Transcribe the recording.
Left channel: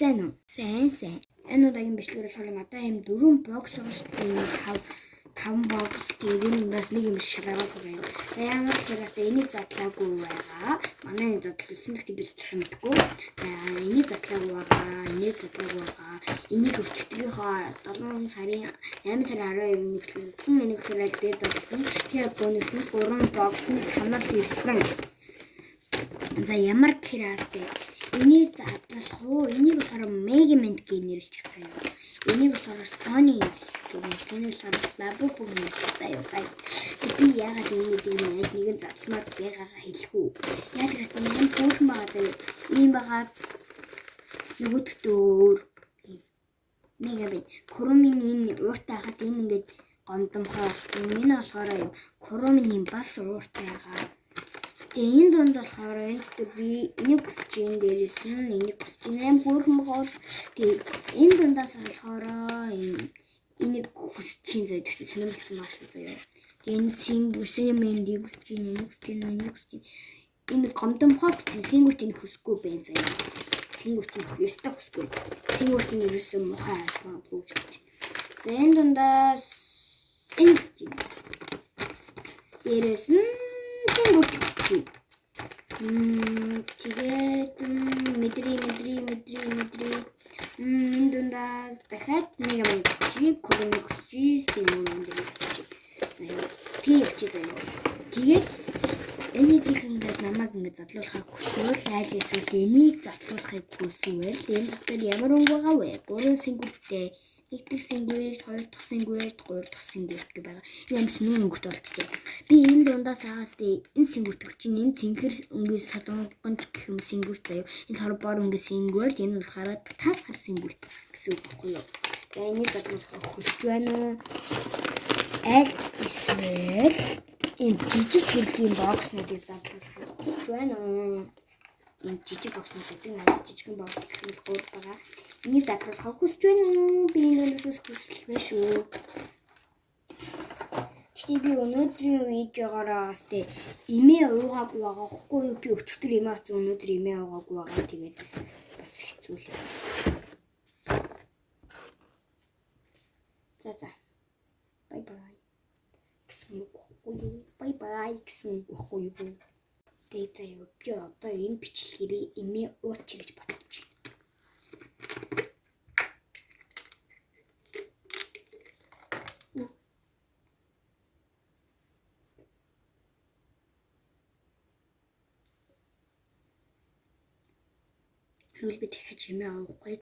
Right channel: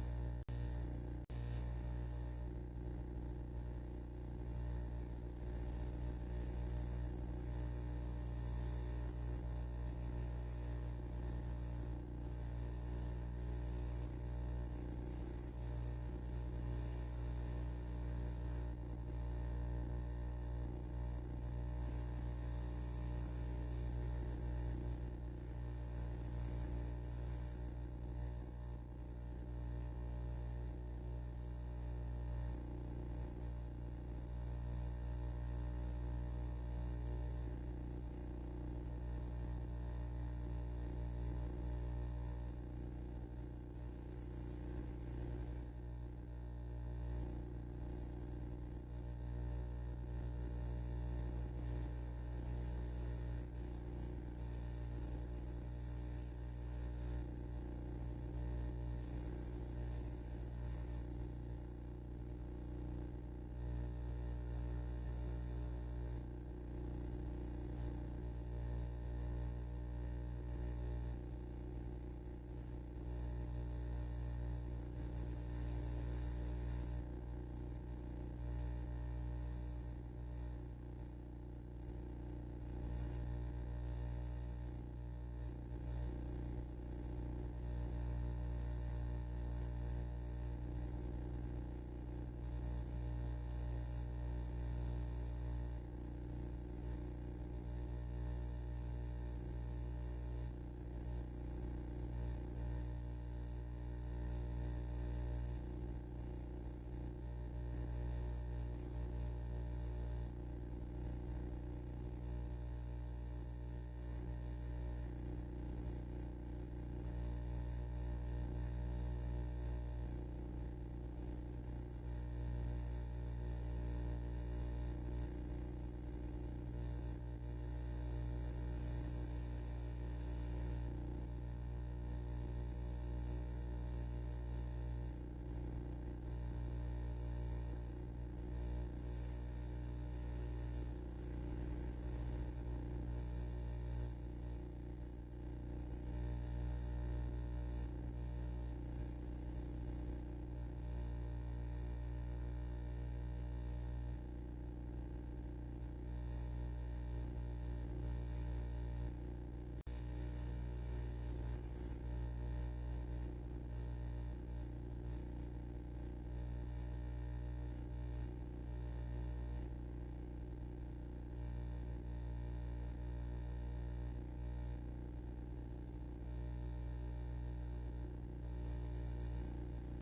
Сайн уу? Сайн. Энэ удаагийн бичлэг болохоор надад ийм 4 бокс байгаа шүү дээ. 5 бокс тэгээд энэ ундаас нэг юм шалгаруулах байна. За ямар гэхээр энийг задлаагүй байгаа. Манай задлал үсэн гэхдээ би зөвхөн мэдгүй. За энийг задлаагүй байгаа. Энийг задлаагүй байгаа. Энийг өчтгийнхоо 7 сарын 8 сарын 12-нд нэвшлсэн. Энийг хэрэг дээр задлсан. Тэр бонусны 3 боксны санал ирсэн. За ямар гэхээр энийг задлах уу? Энийг болохоор Megamint гэж нэрлэж байгаа. Энийг болохоор Sony энийг болохоор Labubu гэж нэрлэж байгаа. Би яагаад энийг нэгэн задламаар байгаагаа хэлэхгүй. Яг л гэсэн юм хөөрхөн байгаа заяа. Ийм байгаад нөгөөдгтөө өөр Megamint Chrome-ийн энэ ууртай хахад энэ ингээд гомдомхоо болсон. Энэ болохоор Chrome-ийн бас ууртай байгаа. Тэгээ энэ донд болохоор энэ би энийг хүсэж ин дээрээс нь энийг хүсэж ин хөөрхөн байгаа. Тэгээ энэ дундаас болохоор энийг хүсэж ин заяа тэгсэн сонирхолтой маш шүү заяа. Тэгээ энэ сингүрсэмэндийг хүсэж ин энийг хүсэж ин энэ гомдомхоо хүсэж сингүрт энийг хүсэхгүй байна заяа. Сингүрт ёстой хүсэхгүй. Сингүрт нь ерөөсөн мохоо айлгаагүй гэж. За энэ дундаас энэ хүсэж ин. Дээрээс нь сингүрт тэгээд мэдрий энэ дундаас дахиад нэг юм хүсчих, Chrome хүсчих, Sony хүсчих. За тийм заяа. Тэгээд энийг ингээд намайг ингээд задлуулахыг хүсвэл айл эсвэл энийг задлуулахыг хүсвэл энэ дотор ямар өнгө байгаа вэ? 3 сингүрттэй, 1 дахь сингүрт, 2 дахь сингүрт, 3 дахь сингүрт гэх байгаа. Энэ сүнэн өнгөт болчихжээ. Би энэ дундаас хагас энэ сингүрт чинь энэ цэнхэр өнгөс солонгонд гэх юм сингүрт заяа. Энэ хорбор өнгөс сингүрт, энэ болохоор тас хар сингүрт гэсэн үг байхгүй юу? За энийг задлуулахыг хүсэж байна уу? Аль эсвэл энэ жижиг төрлийн бокснуудыг задлуулахыг хүсэж байна уу? Энэ жижиг бокснуудыг надад жижигхэн бокс гэх мэт гол байгаа. Энийг задлуулахыг хүсэж байна уу? Би энэс хүсэл байна шүү. Тэгтээ би өнөөдрийн видеогоор имээ уугаагүй байгаа хгүй юу? Би өчигдөр имээ авсан өнөөдөр имээ уугаагүй байгаа. Тэгээд бас хэцүү л. За. Bye bye. Гэсэн үг байхгүй юу? Тэгээд заяа би одоо энэ бичлэгийг имээ уучих гэж бодож байна. Хөл би дахиад чимээ уухгүй.